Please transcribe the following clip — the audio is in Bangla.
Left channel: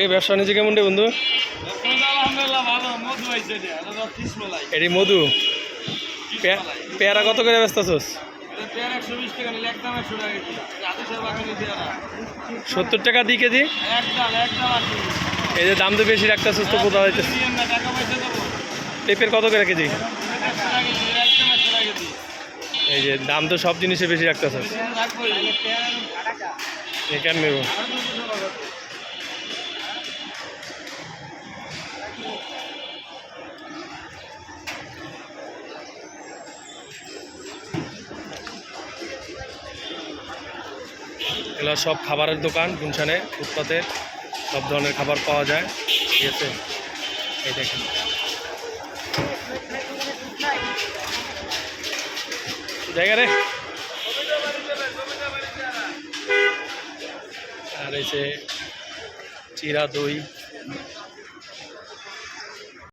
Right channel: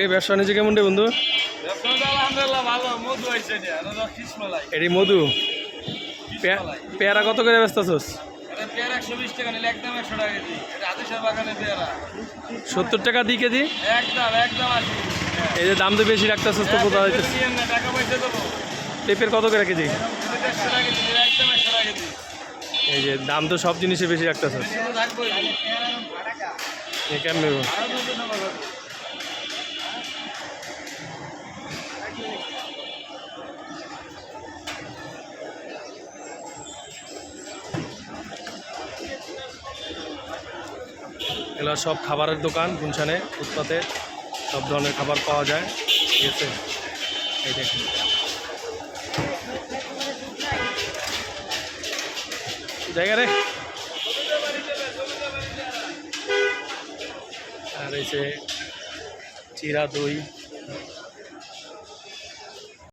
এই ব্যবসা বাণিজ্য কেমন রে বন্ধু? আলহামদুলিল্লাহ ভালো। মধু আইছে এটি মধু। পেয়ারা কত করে ব্যস্ত আছোস? এটা পেয়ারা 120 টাকা নিলে একদম 100 টাকা কেজি। এটা আদেশের বাগানের পেয়ারা 70 টাকা দিই কেজি। একদম আছে। এই যে দাম তো বেশি রাখতেছিস তো কোথাও হইতেছে। টাকা পয়সা দেবো। পেঁপের কত করে কেজি? 100 টাকা কেজি, একদম 100 টাকা কেজি। এই যে দাম তো সব জিনিসে বেশি রাখতেছিস। রাখবো পেয়ারা টাকা। এ কেন নেব? এগুলো সব খাবারের দোকান গুলশানে। ফুটপাতে সব ধরনের খাবার পাওয়া যায়। ঠিক আছে, এই দেখেন। জায়গা রে। আর এই যে চিরা দই।